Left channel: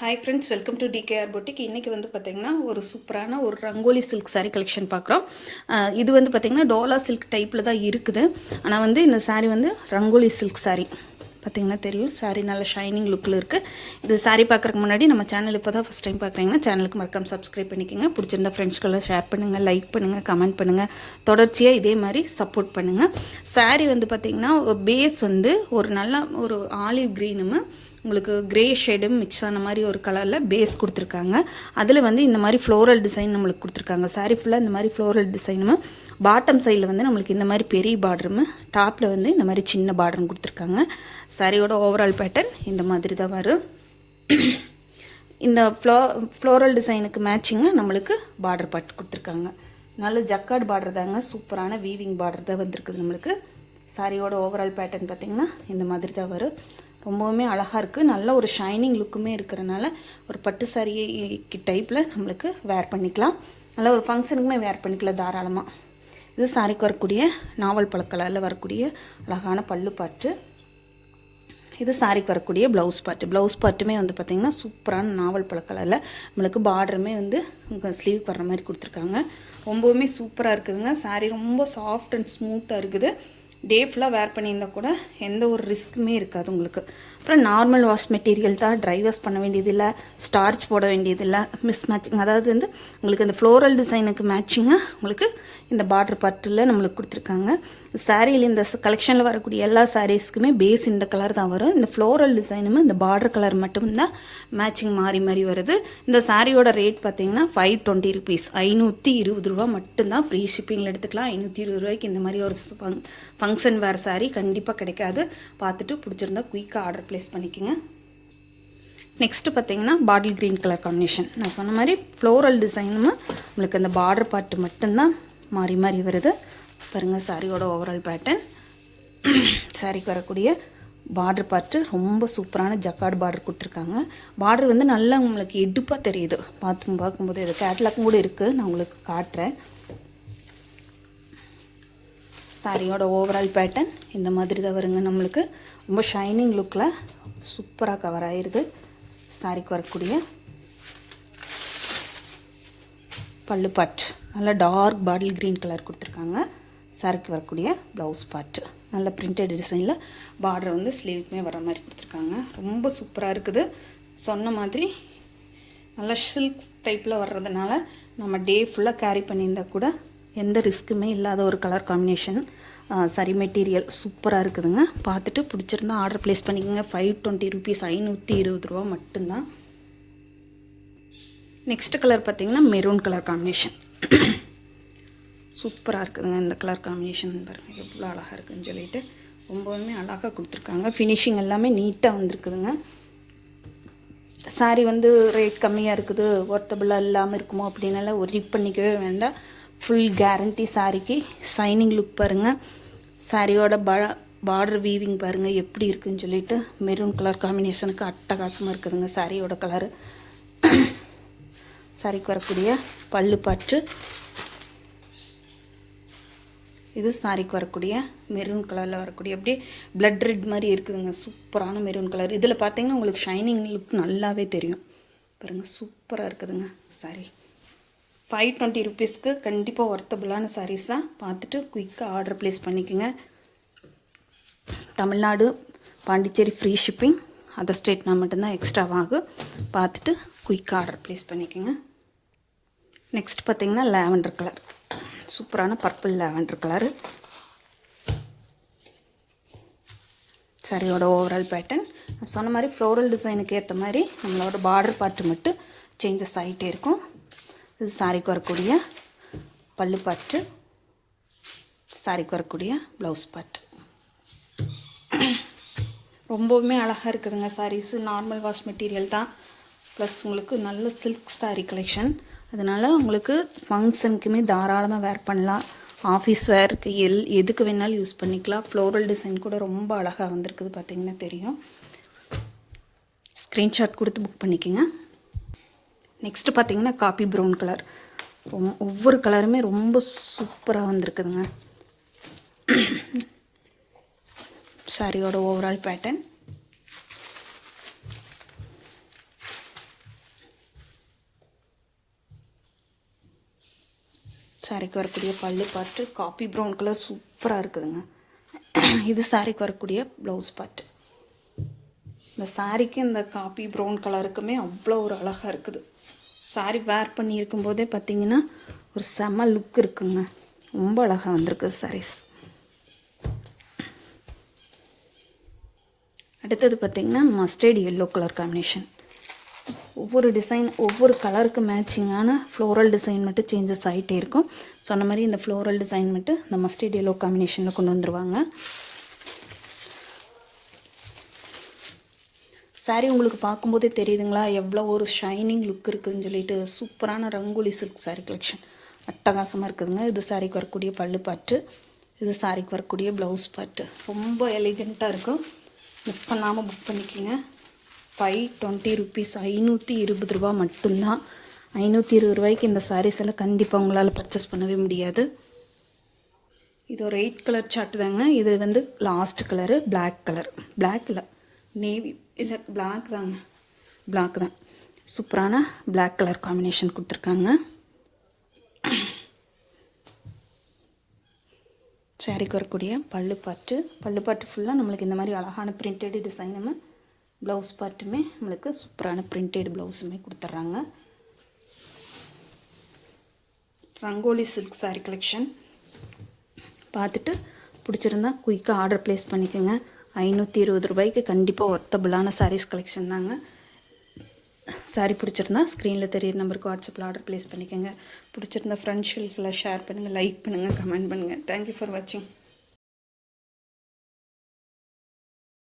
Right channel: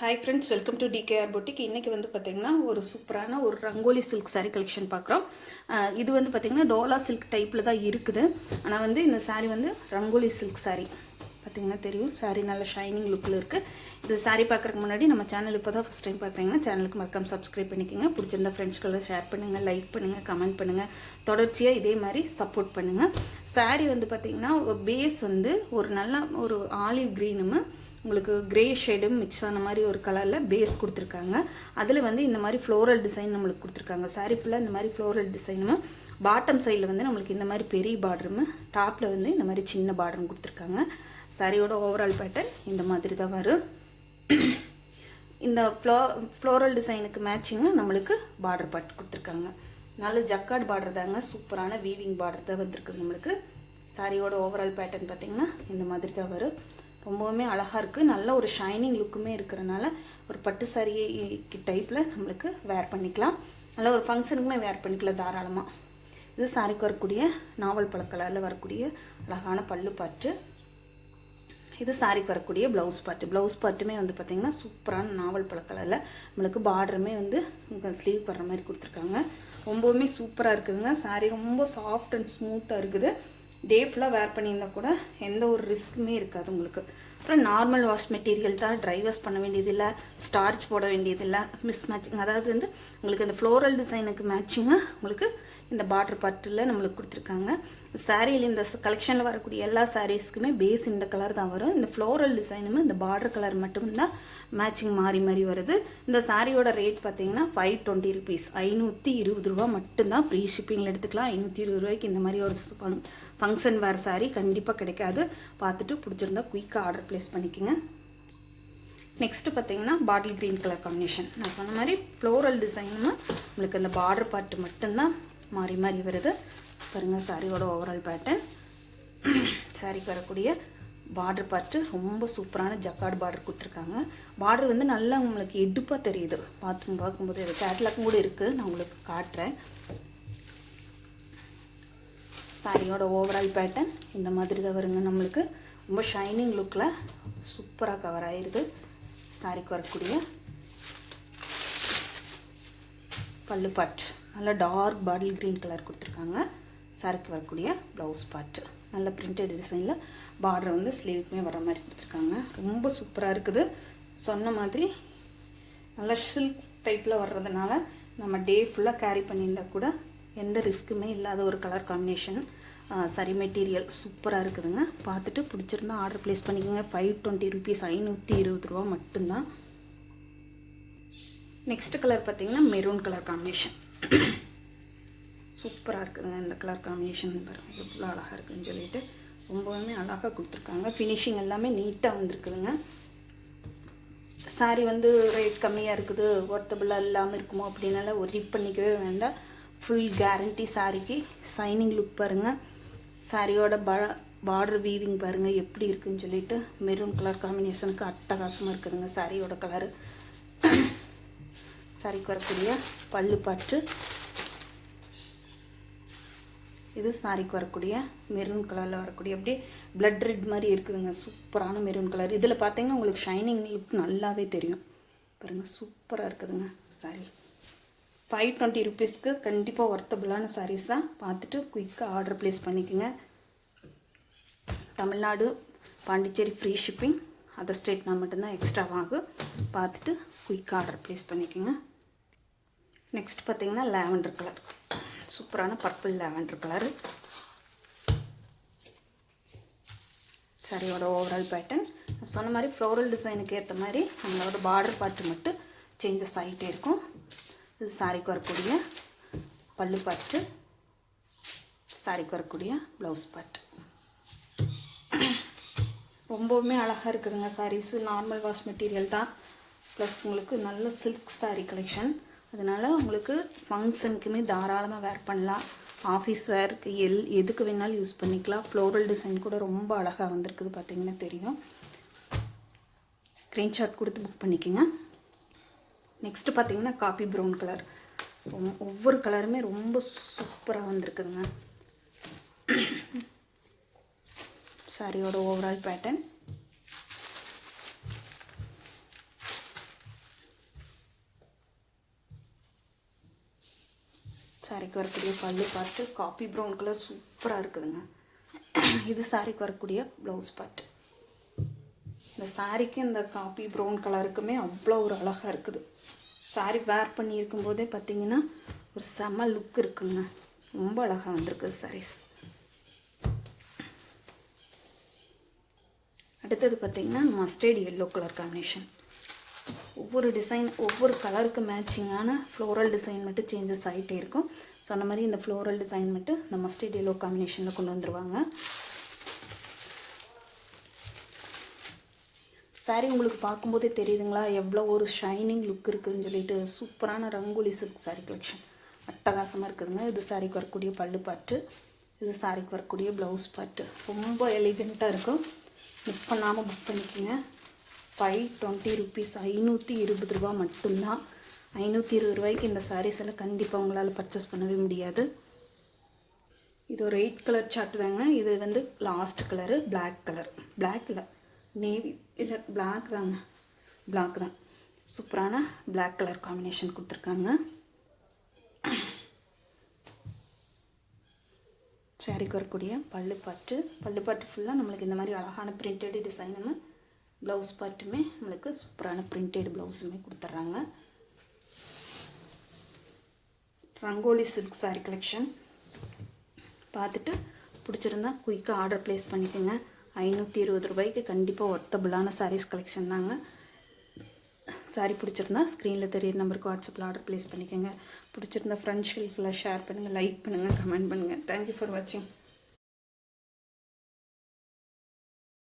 Hi friends, welcome to TKR boutique. இன்றைக்கி வந்து பார்த்திங்கன்னா ஒரு சூப்பரான ஒரு ரங்கோலி சில்க் சாரீ கலெக்ஷன் பார்க்குறோம். இது வந்து பார்த்திங்கன்னா டோலா சில்க் டைப்பில் தான் இருக்குது. ஆனால் வந்து இந்த சாரீ வந்து ரங்கோலி சில்க் சாரீ பார்த்திங்கன்னா தெரியும். சாரீ நல்ல ஷைனிங் லுக்கில் இருக்குது. இது சாரீ பார்க்குறதுக்கு முன்னாடி நம்ம சேனல் இப்போ தான் ஃபஸ்ட் டைம் பார்க்குறீங்கன்னா சேனலுக்கு மறக்காம சப்ஸ்கிரைப் பண்ணிக்கோங்க. பிடிச்சிருந்த ஃப்ரெண்ட்ஸ்க்கெல்லாம் ஷேர் பண்ணுங்கள், லைக் பண்ணுங்கள், கமெண்ட் பண்ணுங்கள். தொடர்ச்சியாக இதே மாதிரி சப்போர்ட் பண்ணுங்கள். சாரீ வந்து பார்த்திங்கன்னா பேஸ் வந்து ஒரு நல்ல ஒரு ஆலிவ் க்ரீனும் உங்களுக்கு கிரே ஷேடும் மிக்ஸ் ஆன மாதிரி ஒரு கலரில் பேஸ் கொடுத்துருக்காங்க. அதில் வந்து இந்த மாதிரி ஃப்ளோரல் டிசைன் நம்மளுக்கு கொடுத்துருக்காங்க. சாரீ ஃபுல்லாக இந்த மாதிரி ஃப்ளோரல் டிசைனும், பாட்டம் சைடில் வந்து நம்மளுக்கு இந்த மாதிரி பெரிய பார்டரும், டாப்பில் வந்து இந்த மாதிரி சின்ன பார்டரும் கொடுத்துருக்காங்க. சாரியோட ஓவரால் பேட்டர்ன் இந்த மாதிரி தான் வரும். இந்த ஃப்ளோரல் டிசைனுக்கு மேட்சிங்காக நம்மளுக்கு பார்டர் பாட்டு கொடுத்துருக்காங்க. நல்ல ஜக்கார்ட் பார்டர் தாங்க, சூப்பரான வீவிங் பார்டர் தான் வந்திருக்குது நம்மளுக்கு. சாரியோட ஓவரால் பேட்டர்ன் பார்த்திங்கன்னா இந்த மாதிரி தான் வரும். ரொம்பவுமே அழகாக இருக்குது. நல்ல ஒரு ஷைனிங் லுக்குமே இருக்கிறனால ஒரு பட்டு சாரீ டைப்பில் நம்மளுக்கு வேர் பண்ணிக்கலாம். நல்ல ஒரு ஃபங்க்ஷனுக்குமே வேர் பண்ணிக்கலாம் தாராளமாக. இது சாரிக்கு வரக்கூடிய நாவல் பழ கலரில் வரக்கூடிய அழகான பல்லு பாட்டு. இது சாரிக்கு வரக்கூடிய ப்ளவுஸ் பார்ட்டுமே வந்து பார்த்திங்கன்னா சூப்பரான நாவல் பழ கலரில் நம்மளுக்கு பார்டருமே வந்து ஸ்லீவ் படுற மாதிரி கொடுத்துருக்காங்க. ரொம்பவுமே சூப்பராக இருக்குதுங்க. சாரீ ரொம்ப சாஃப்ட் அண்ட் ஸ்மூத்தாக இருக்குது. டே ஃபுல்லாக வேர் பண்ணியிருந்தால் கூட எந்த ஒரு ரிஸ்க்குமே இருக்காது உங்களுக்கு. அப்புறம் நார்மல் வாஷ் மெட்டீரியல் தான், ட்ரை வாஷ் பண்ண வேண்டியதில்லை, ஸ்டார்ச் போட வேண்டியதில்லை, மிஸ் மேட்சிங். அதாவது வந்து உங்களுக்கு இந்த ஃப்ளோரல் டிசைனுக்கு மேட்சிங்காக உங்களுக்கு இந்த பார்டர் பார்ட்டில் நம்மளுக்கு கொடுத்துருக்காங்க. சாரியில் இந்த கலெக்ஷனில் வரக்கூடிய எல்லா சாரீஸ்க்குமே பேஸ் இந்த கலர் தான் வரும். இந்த ஃப்ளோரல் டிசைனுமே இந்த பார்டர் கலர் மட்டும்தான் மேட்சிங் மாறி மாறி வருது. இந்த சாரியோட ரேட் பார்த்தீங்கன்னா 520 ருபீஸ், 520 ரூபா மட்டும்தான். ஃப்ரீ ஷிப்பிங்கில் எடுத்துக்கலாம். 520 ரூபாய்க்கு இந்த மாதிரி ஒரு ஃபங்க்ஷன் வேர் சாரீ கண்டிப்பாக கிடைக்காது. பார்த்துட்டு பிடிச்சிருந்தா குயிக்காக ஆர்டர் ப்ளேஸ் பண்ணிக்கோங்க. நெக்ஸ்ட்டு பார்த்தீங்கன்னா பாட்டில் க்ரீன் கலர் காம்பினேஷன். நான் சொன்ன மாதிரி ஃப்ளோரல் டிசைனும் உங்களுக்கு அந்த பார்டர் பார்ட்டு மட்டும்தான் மாறி மாறி வருது. பாருங்கள் சாரியோட ஓவரால் பேட்டர்ன். சாரிக்கு வரக்கூடிய பார்டர் பார்ட்டு ரொம்ப சூப்பரான ஜக்கார்டு பார்டர் கொடுத்துருக்காங்க. பார்டர் வந்து நல்லா உங்களுக்கு எடுப்பாக தெரியுது. பார்க்கும்போது இது கேட்லாக்கும் கூட இருக்குது, நான் உங்களுக்கு காட்டுறேன். சாரியோட ஓவரால் பேட்டர்ன் இந்த மாதிரி தான் வருங்க. நம்மளுக்கு ரொம்ப ஷைனிங் லுக்கில் சூப்பராக கவர் ஆகிருது. சாரிக்கு வரக்கூடிய பல்லு பார்ட் நல்லா டார்க் பாட்டில் க்ரீன் கலர் கொடுத்துருக்காங்க. சாரிக்கு வரக்கூடிய ப்ளவுஸ் பார்ட்டு நல்ல பிரிண்டட் டிசைனில் பார்டர் வந்து ஸ்லீவுக்குமே வர மாதிரி கொடுத்துருக்காங்க. ரொம்ப சூப்பராக இருக்குது. சொன்ன மாதிரி நல்லா சில்க் டைப்பில் வர்றதுனால நம்ம டே ஃபுல்லாக கேரி பண்ணியிருந்தால் கூட எந்த ரிஸ்க்குமே இல்லாத ஒரு கலர் காம்பினேஷன். சரி, மெட்டீரியல் சூப்பராக இருக்குதுங்க. பார்த்துட்டு பிடிச்சிருந்தா ஆர்டர் ப்ளேஸ் பண்ணிக்கோங்க. 520 ருபீஸ், 520 ரூபா மட்டும்தான். நெக்ஸ்ட் கலர் பார்த்திங்கன்னா மெரூன் கலர் காம்பினேஷன். சூப்பராக இருக்குதுங்க இந்த கலர் காம்பினேஷன். பாருங்கள் எவ்வளோ அழகாக இருக்குதுன்னு சொல்லிட்டு ரொம்பவுமே அழகாக கொடுத்துருக்காங்க. ஃபினிஷிங் எல்லாமே நீட்டாக வந்துருக்குதுங்க. சாரீ வந்து ரேட் கம்மியாக இருக்குது, ஒர்த்தபிளாக இல்லாமல் இருக்குமோ அப்படின்னால ஒரி பண்ணிக்கவே வேண்டாம். Full guarantee. சாரிக்கு ஷைனிங் லுக் பாருங்கள். சாரியோட பார்டர் வீவிங் பாருங்கள் எப்படி இருக்குதுன்னு சொல்லிட்டு மெரூன் கலர் காம்பினேஷனுக்கு அட்டகாசமாக இருக்குதுங்க சாரியோட கலரு. சாரிக்கு வரக்கூடிய பல்லு பாட்டு. இது சாரிக்கு வரக்கூடிய மெரூன் கலரில் வரக்கூடிய அப்படியே பிளட் ரெட் மாதிரி இருக்குதுங்க. சூப்பரான மெரூன் கலர். இதில் பார்த்தீங்கன்னா உங்களுக்கு ஷைனிங் லுக் நல்லாவே தெரியும். பாருங்கள் சூப்பராக இருக்குதுங்க சாரி. 520 ருபீஸ்க்கு கண்டிப்பாக ஒர்த்தபிளான சாரீஸாக பார்த்துட்டு குயிக்காக ஆர்டர் ப்ளேஸ் பண்ணிக்கோங்க. Tamil Nadu, Pondicherry free shipping, other ஸ்டேட்னா மட்டும்தான் எக்ஸ்ட்ராவாகும். பார்த்துட்டு குயிக்காக ஆர்டர் ப்ளேஸ் பண்ணிக்கோங்க. நெக்ஸ்ட் பார்த்திங்கன்னா லாவெண்டர் கலர். சூப்பரான பர்பிள் லாவெண்டர் கலரு. சாரியோட ஓவரால் பேட்டர்ன் சொன்ன மாதிரி ஃப்ளோரல் டிசைனுக்கு ஏற்ற மாதிரி நம்மளோட பார்டர் பார்ட்டு மட்டும் சேஞ்சஸ் ஆகிட்டே இருக்கும். இது சாரிக்கு வரக்கூடிய பல்லு பார்ட்டு, சாரிக்கு வரக்கூடிய ப்ளவுஸ் பார்ட்டு. ரொம்பவுமே அழகாக இருக்குதுங்க சாரீஸு. நார்மல் வாஷ் மெட்டீரியல் தான், ப்ளஸ் உங்களுக்கு நல்ல சில்க் சாரீ கலெக்ஷன். அதனால் உங்களுக்கு ஃபங்க்ஷனுக்குமே தாராளமாக வேர் பண்ணலாம். ஆஃபீஸ் வேருக்கு எதுக்கு வேணாலும் யூஸ் பண்ணிக்கலாம். ஃப்ளோரல் டிசைன் கூட ரொம்ப அழகாக வந்திருக்குது, பார்த்திங்கன்னா தெரியும். ஸ்க்ரீன்ஷாட் கொடுத்து புக் பண்ணிக்கோங்க. நெக்ஸ்ட்டு பார்த்திங்கன்னா காப்பி ப்ரௌன் கலர். ஒவ்வொரு கலருமே ரொம்ப சூப்பராக வந்திருக்குதுங்க. சாரியோட ஓவரால் பேட்டர்ன் சாரிக்கு வரக்கூடிய பல்லு பார்ட்டு காப்பி ப்ரௌன் கலர் சூப்பராக இருக்குதுங்க. இது சாரிக்கு வரக்கூடிய ப்ளவுஸ் பார்ட்டு. இந்த சாரிக்கு இந்த காப்பி ப்ரௌன் கலருக்குமே அவ்வளோ ஒரு அழகாக இருக்குது. சாரி வேர் பண்ணி இருக்கும்போதே பார்த்திங்கன்னா ஒரு செம லுக் இருக்குங்க. ரொம்ப அழகாக வந்திருக்கு சாரீஸ். அடுத்தது பார்த்திங்கன்னா மஸ்டர்ட் எல்லோ கலர் காம்பினேஷன். ஒவ்வொரு டிசைன் ஒவ்வொரு கலருக்கு மேட்சிங்கான ஃப்ளோரல் டிசைன் மட்டும் சேஞ்சஸ் ஆகிட்டே இருக்கும். சொன்ன மாதிரி இந்த ஃப்ளோரல் டிசைன் மட்டும் இந்த மஸ்டர்ட் எல்லோ காம்பினேஷனில் கொண்டு வந்துருவாங்க. சாரீ உங்களுக்கு பார்க்கும்போதே தெரியுதுங்களா எவ்வளோ ஒரு ஷைனிங் லுக் இருக்குதுன்னு சொல்லிட்டு. சூப்பரான ரங்கோலி சில்க் சாரீ கலெக்ஷன் அட்டகாசமாக இருக்குதுங்க. இது சாரிக்கு வரக்கூடிய பல்லு பார்ட்டு, இது சாரிக்கு வரக்கூடிய ப்ளவுஸ் பார்ட்டு. ரொம்ப எலிகண்ட்டாக இருக்கும். மிஸ் பண்ணாமல் புக் பண்ணிக்கோங்க. 520 rupees, 520 ரூபா மட்டும்தான். 520 ரூபாய்க்கு இந்த சாரீஸ் எல்லாம் கண்டிப்பாக உங்களால் பர்ச்சேஸ் பண்ணவே முடியாது. இது ஒரு 8 கலர் சார்ட் தாங்க. இது வந்து last colour black colour. Black இல்லை, நேவி இல்லை, பிளாக் தாங்க. பிளாக் தான். சூப்பரான பிளாக் கலர் காம்பினேஷன் கொடுத்துருக்காங்க. சாரிக்கு வரக்கூடிய பல்லு பார்ட்டு ஃபுல்லாக நம்மளுக்கு இந்த மாதிரி அழகான பிரிண்டட் டிசைனுமே, ப்ளவுஸ் பார்ட்டுமே நம்மளுக்கு சூப்பரான பிரிண்டட் ப்ளவுஸுமே கொடுத்துட்றாங்க. ரங்கோலி சில்க் சாரீ கலெக்ஷன் பார்த்துட்டு பிடிச்சிருந்தா குயிக்காக ஆர்டர் ப்ளேஸ் பண்ணிக்கோங்க. 520 ரூபாய்க்கு கண்டிப்பாக ஒர்த்தபிளான சாரீஸ் கலெக்ஷன் தாங்க. சாரீ பிடிச்சிருந்தா ஸ்க்ரீனில் தெரியிற நம்பருக்கு வாட்ஸ்அப்பில் ஆர்டர் ப்ளேஸ் பண்ணிக்கோங்க. பிடிச்சிருந்தா ஃப்ரெண்ட்ஸ்களுக்கெல்லாம் ஷேர் பண்ணுங்கள், லைக் பண்ணுங்கள், கமெண்ட் பண்ணுங்கள். தேங்க்யூ ஃபார் வாட்சிங்.